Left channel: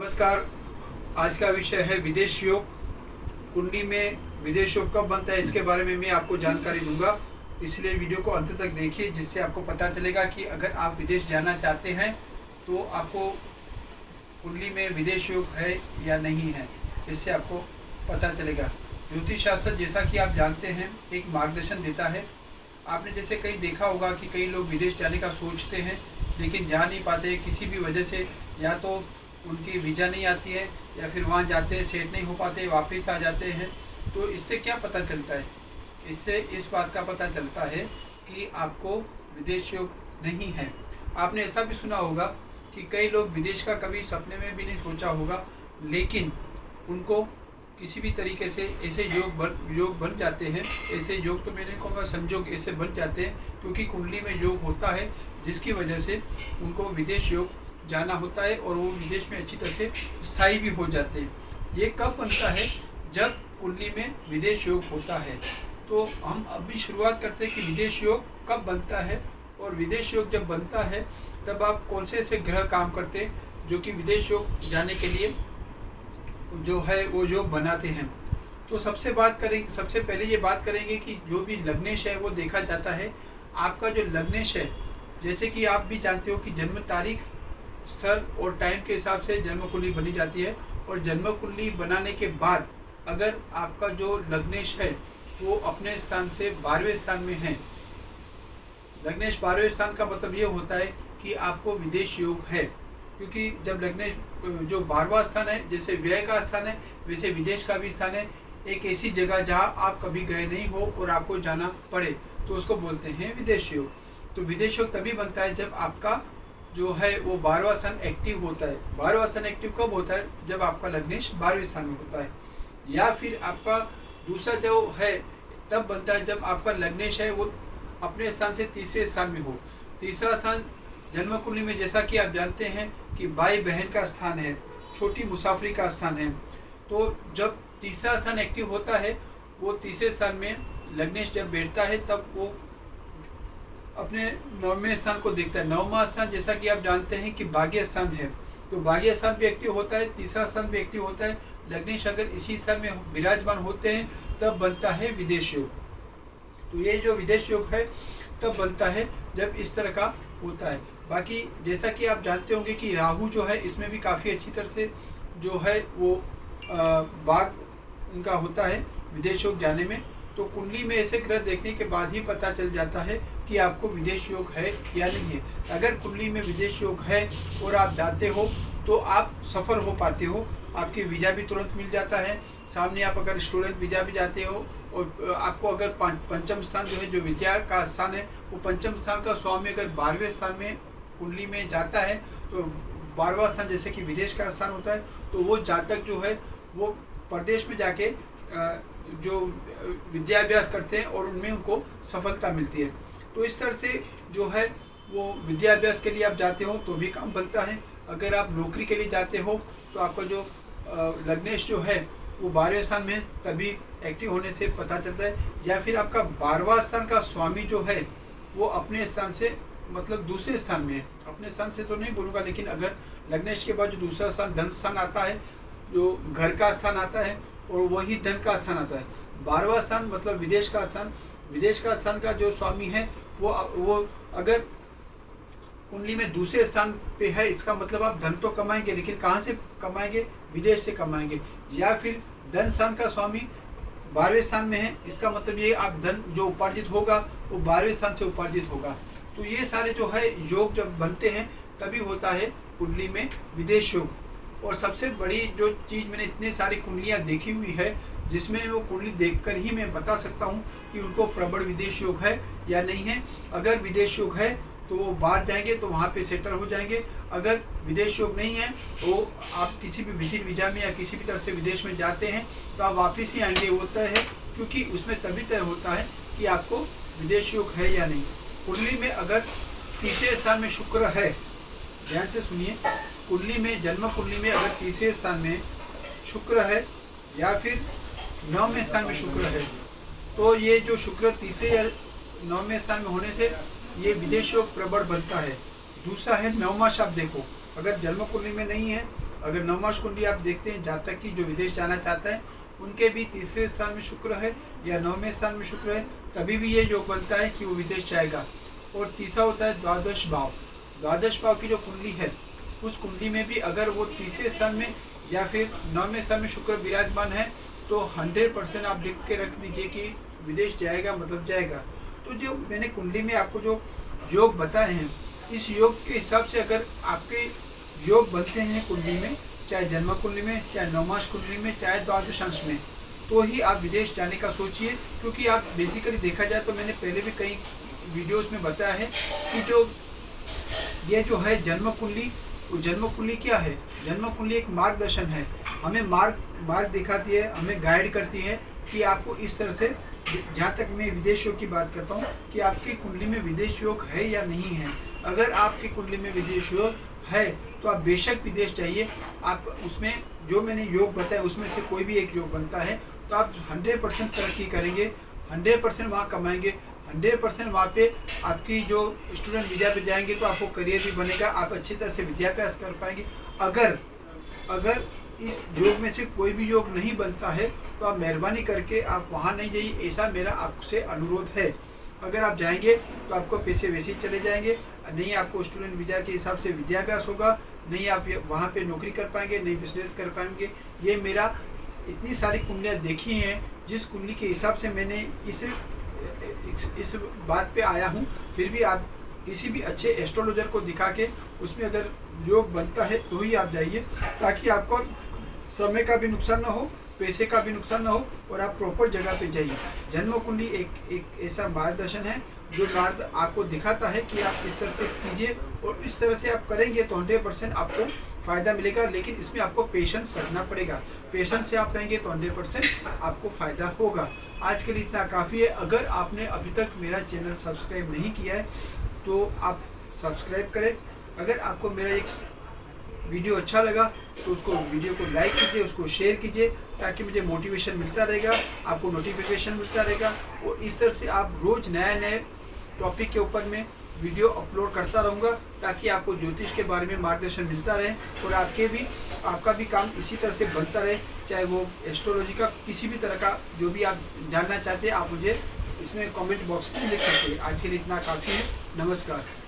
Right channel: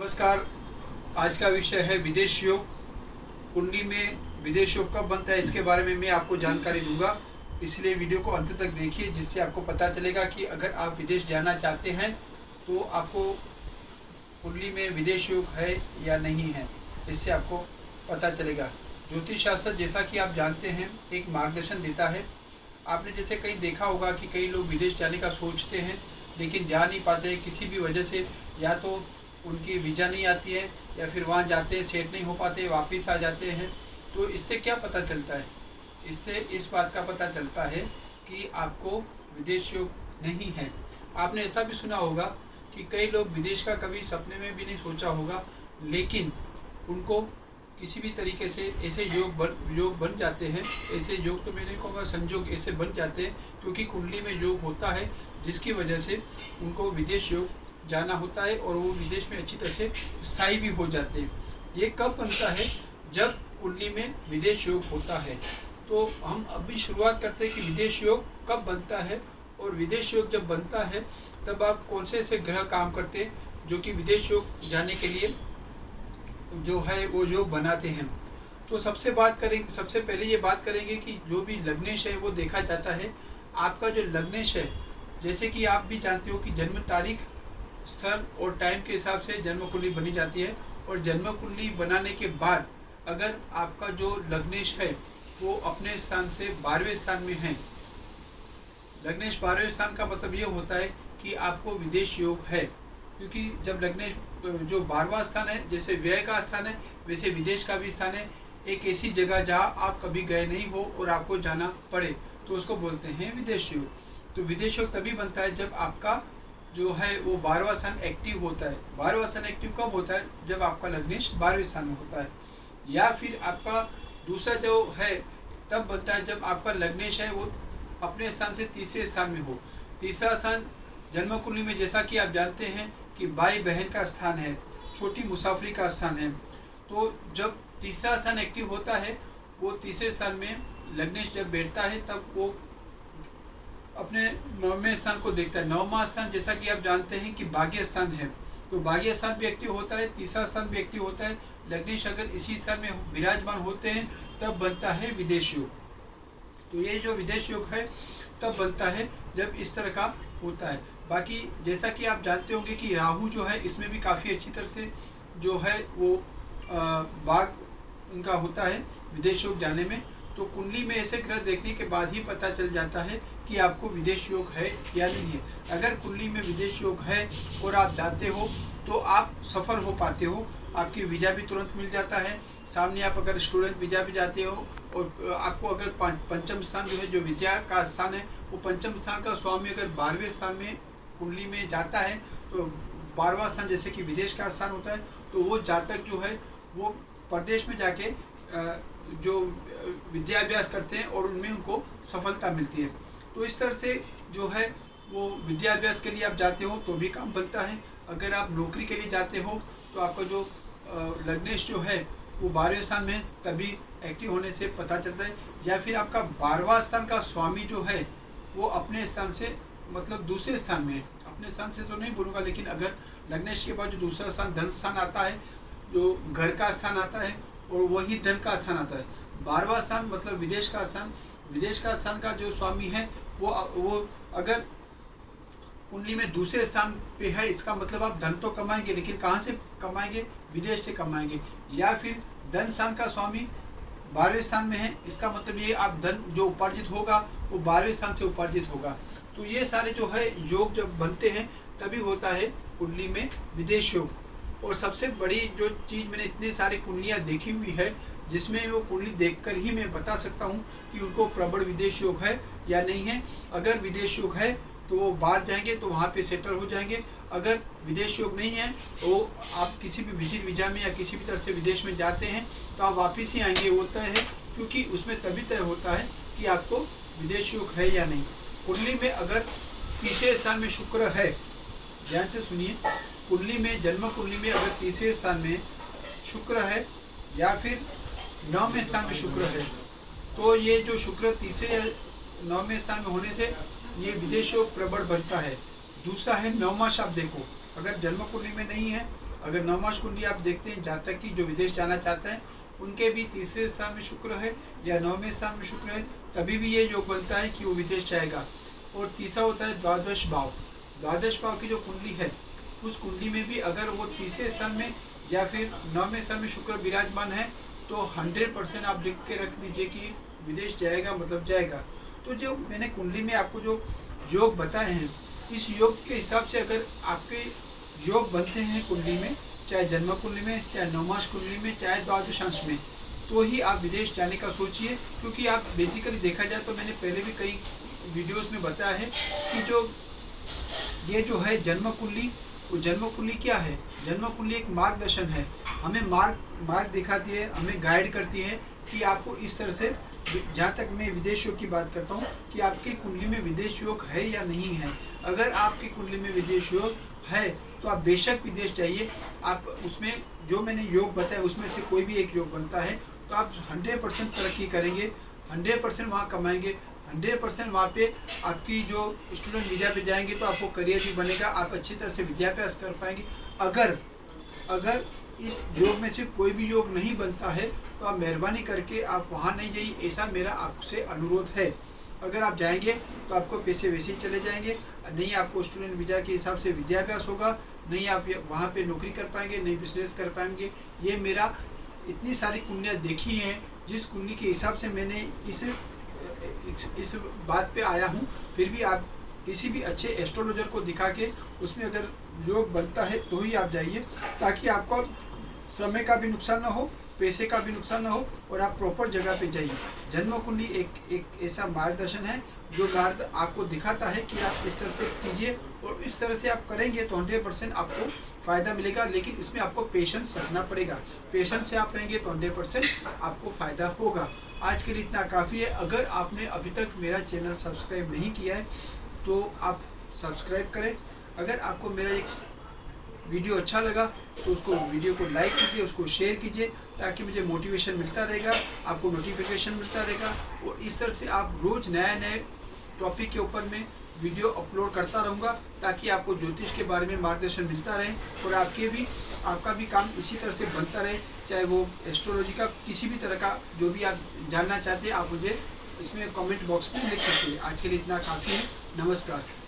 नमस्कार। आज का विषय है विदेश योग। कुंडली में विदेश योग कब बनता है इसके बारे में मैं आपको जानकारी दूंगा, इसलिए वीडियो को अंत तक देखिए, जिससे आपको पता चलेगा कि अगर आप विदेश जाना चाहते हैं तो आपको कुंडली में विदेश योग है या नहीं है, इससे आपको पता चलेगा। ज्योतिष शास्त्र, जैसा कि आप जानते हैं, एक मार्गदर्शन देता है। आपने जैसे कहीं देखा होगा कि कई लोग विदेश जाने का सोचते हैं लेकिन जा नहीं पाते किसी भी वजह से, या तो उनकी वीज़ा नहीं आती है या फिर वहाँ जाते हैं सेट नहीं हो पाते, वापस आ जाते हैं। तो इससे क्या पता चलता है? इससे इस बात का पता चलता है कि आपको विदेश योग नहीं है। आपने ऐसा भी सुना होगा कि कई लोग विदेश का कभी सपने में भी नहीं सोचा होगा, लेकिन उनको किसी भी तरीके से ऐसे योग बन जाते हैं। ऐसे योग तो मैं नहीं कहूँगा, संजोग ऐसे बन जाते हैं क्योंकि कुंडली में योग होता है, जिसकी वजह से उनको विदेश योग जाना होता है और वो विदेश में अच्छी तरह से स्थायी भी हो जाते हैं। ये कब बनता है? जब कुंडली में विदेश योग होता है। तो हम अभी शुरुआत करते हैं कि विदेश योग कब बनता है, और विदेश योग जब बनता है तब आप कौन से ऐसे ग्रह काम करते हैं जो कि विदेश योग जाने के लिए जो है वो योग बनाते हैं। तो सबसे पहले ये बात करेंगे कि जो भी लग्नेश है वो देखा जाता है। आपका जो लग्नेश है, जैसे कि आप भी जानते हो कि जन्म तारीख, स्थल और टाइम के हिसाब से जन्म कुंडली बनी जाती है, और जन्म कुंडली बनाने के बाद अगर आपका जो लग्नेश है वो अपने स्थान से 12वें स्थान में है, लग्नेश 12वें स्थान का मतलब ये होता है कि आपको विदेश योग है। क्योंकि जब लग्नेश जो 12वां स्थान है, जैसे व्यय का स्थान है वैसे विदेश का भी स्थान है। एक ऐसी जगह जहाँ आप कभी गए नहीं हो और आपको जाना पड़े तो उसको बोलते हैं विदेश योग। तो विदेश योग तभी बनता है जब आपका जो है वो 12वां स्थान एक्टिव होता है। 12वां स्थान एक्टिव कब होता है? जब आपका लग्नेश 12वें स्थान में होता है। या फिर आपका दूसरा जो है तब बनता है जब आपका लग्नेश है वो अपने स्थान से तीसरे स्थान में हो। तीसरा स्थान जन्म कुंडली में, जैसा कि आप जानते हैं कि भाई बहन का स्थान है, छोटी मुसाफरी का स्थान है। तो जब तीसरा स्थान एक्टिव होता है, वो तीसरे स्थान में लग्नेश जब बैठता है तब वो अपने 9वें स्थान को देखता है। 9वां स्थान, जैसा कि आप जानते हैं कि भाग्य स्थान है, तो भाग्य स्थान भी एक्टिव होता है, तीसरा स्थान भी एक्टिव होता है। लग्नेश अगर इसी स्थान में विराजमान होते हैं तब बनता है विदेश योग। तो ये जो विदेश योग है तब बनता है जब इस तरह का होता है। बाकी जैसा कि आप जानते होंगे कि राहु जो है इसमें भी काफ़ी अच्छी तरह से जो है वो भाग उनका होता है विदेश योग जाने में। तो कुंडली में ऐसे ग्रह देखने के बाद ही पता चल जाता है कि आपको विदेश योग है या नहीं है। अगर कुंडली में विदेश योग है और आप जाते हो तो आप सफल हो पाते हो, आपकी वीज़ा भी तुरंत मिल जाता है। सामने आप अगर स्टूडेंट वीज़ा भी जाते हो और आपको अगर पंचम स्थान जो है, जो विद्या का स्थान है, वो पंचम स्थान का स्वामी अगर 12वें स्थान में कुंडली में जाता है, तो 12वां स्थान जैसे कि विदेश का स्थान होता है, तो वो जातक जो है वो प्रदेश में जाके जो विद्याभ्यास करते हैं और उनमें उनको सफलता मिलती है। तो इस तरह से जो है वो विद्याभ्यास के लिए आप जाते हो तो भी काम बनता है। अगर आप नौकरी के लिए जाते हो तो आपका जो लग्नेश जो है वो 12वें स्थान में तभी एक्टिव होने से पता चलता है। या फिर आपका 12वां स्थान का स्वामी जो है वो अपने स्थान से, मतलब दूसरे स्थान में है। अपने स्थान से तो नहीं बोलूँगा, लेकिन अगर लग्नेश के बाद जो दूसरा स्थान धन स्थान आता है, जो घर का स्थान आता है और वही धन का स्थान आता है। 12वां स्थान मतलब विदेश का स्थान, विदेश का स्थान का जो स्वामी है वो अगर कुंडली में दूसरे स्थान पे है, इसका मतलब आप धन तो कमाएंगे, लेकिन कहाँ से कमाएंगे? विदेश से कमाएंगे। या फिर धन स्थान का स्वामी 12वें स्थान में है, इसका मतलब ये आप धन जो उपार्जित होगा वो 12वें स्थान से उपार्जित होगा। तो ये सारे जो है योग जब बनते हैं तभी होता है कुंडली में विदेश योग। और सबसे बड़ी जो चीज़, मैंने इतने सारी कुंडलियाँ देखी हुई है जिसमें वो कुंडली देखकर ही मैं बता सकता हूँ कि उनको प्रबल विदेश योग है या नहीं है। अगर विदेश योग है तो वो बाहर जाएंगे तो वहाँ पे सेटल हो जाएंगे। अगर विदेश योग नहीं है तो आप किसी भी विजिट वीज़ा में या किसी भी तरह से विदेश में जाते हैं तो आप वापस ही आएंगे, वो तय है। क्योंकि उसमें तभी तय होता है कि आपको विदेश योग है या नहीं। कुंडली में अगर तीसरे स्थान में शुक्र है, ध्यान से सुनिए, कुंडली में, जन्म कुंडली में अगर तीसरे स्थान में शुक्र है या फिर 9वें स्थान में शुक्र है, तो ये जो शुक्र तीसरे या 9वें स्थान में होने से ये विदेश योग प्रबल बनता है। दूसरा है 9वां शब्द। देखो, अगर जन्म कुंडली में नहीं है अगर नवमास कुंडली आप देखते हैं, जातक की जो विदेश जाना चाहता है उनके भी तीसरे स्थान में शुक्र है या 9वें स्थान में शुक्र है, तभी भी ये योग बनता है कि वो विदेश जाएगा। और तीसरा होता है द्वादश भाव। द्वादश भाव की जो कुंडली है उस कुंडली में भी अगर वो तीसरे स्थान में या फिर 9वें स्थान में शुक्र विराजमान है तो 100% आप लिख के रख दीजिए कि विदेश जाएगा, मतलब जाएगा। तो जो मैंने कुंडली में आपको जो योग बताए हैं, इस योग के हिसाब से अगर आपके योग बनते हैं कुंडली में, चाहे जन्म कुंडली में, चाहे नवमास कुंडली में, चाहे द्वादशांश में, तो ही आप विदेश जाने का सोचिए। क्योंकि आप बेसिकली देखा जाए तो मैंने पहले भी कई वीडियोस में बताया है कि जो ये जो है जन्म कुंडली, वो जन्म कुंडली क्या है? जन्म कुंडली एक मार्गदर्शन है, हमें मार्ग दिखाती है, हमें गाइड करती है कि आपको इस तरह से, जहाँ तक मैं विदेश योग की बात करता हूँ, कि आपकी कुंडली में विदेश योग है या नहीं है। अगर आपकी कुंडली में विदेश योग है तो आप बेशक विदेश जाइए। आप उसमें जो मैंने योग बताया उसमें से कोई भी एक योग बनता है तो आप 100% तरक्की करेंगे, 100% वहाँ कमाएंगे, 100% वहाँ पे आपकी जो स्टूडेंट वीज़ा पे जाएंगे तो आपको करियर भी बनेगा, आप अच्छी तरह से विद्याभ्यास कर पाएंगे। अगर इस योग में से कोई भी योग नहीं बनता है तो आप मेहरबानी करके आप वहाँ नहीं जाइए, ऐसा मेरा आपसे अनुरोध है। अगर आप जाएंगे तो आपको पैसे वैसे ही चले जाएंगे, नहीं आपको स्टूडेंट वीज़ा के हिसाब से विद्याभ्यास होगा, नहीं आप वहाँ पे नौकरी कर पाएंगे, नहीं बिजनेस कर पाएंगे। ये मेरा इतनी सारी कुंडलियाँ देखी हैं जिस कुंडली के हिसाब से मैंने इस बात पे आया हूँ। फिर भी आप किसी भी अच्छे एस्ट्रोलॉजर को दिखा के उसमें अगर योग बनता है तो ही आप जाइए, ताकि आपको समय का भी नुकसान ना हो, पैसे का भी नुकसान ना हो, और आप प्रॉपर जगह पे जाइए। जन्म कुंडली एक ऐसा मार्गदर्शन है जो मार्ग आपको दिखाता है कि आप इस तरह से कीजिए, और इस तरह से आप करेंगे तो 100% आपको फ़ायदा मिलेगा। लेकिन इसमें आपको पेशेंस रखना पड़ेगा, पेशेंस से आप रहेंगे तो 100% आपको फ़ायदा होगा। आज के लिए इतना काफ़ी है। अगर आपने अभी तक मेरा चैनल सब्सक्राइब नहीं किया है तो आप सब्सक्राइब करें। अगर आपको मेरा एक वीडियो अच्छा लगा तो उसको वीडियो को लाइक कीजिए, उसको शेयर कीजिए, ताकि मुझे मोटिवेशन मिलता रहेगा, आपको नोटिफिकेशन मिलता रहेगा, और इस तरह से आप रोज़ नए टॉपिक के ऊपर में वीडियो अपलोड करता रहूँगा, ताकि आपको ज्योतिष के बारे में मार्गदर्शन मिलता रहे और आपका भी काम इसी तरह से बनता रहे। चाहे वो एस्ट्रोलॉजी का किसी भी तरह का जो भी आप जानना चाहते हैं, आप मुझे इसमें कमेंट बॉक्स में लिख सकते हैं। आज के लिए इतना काफ़ी है। नमस्कार।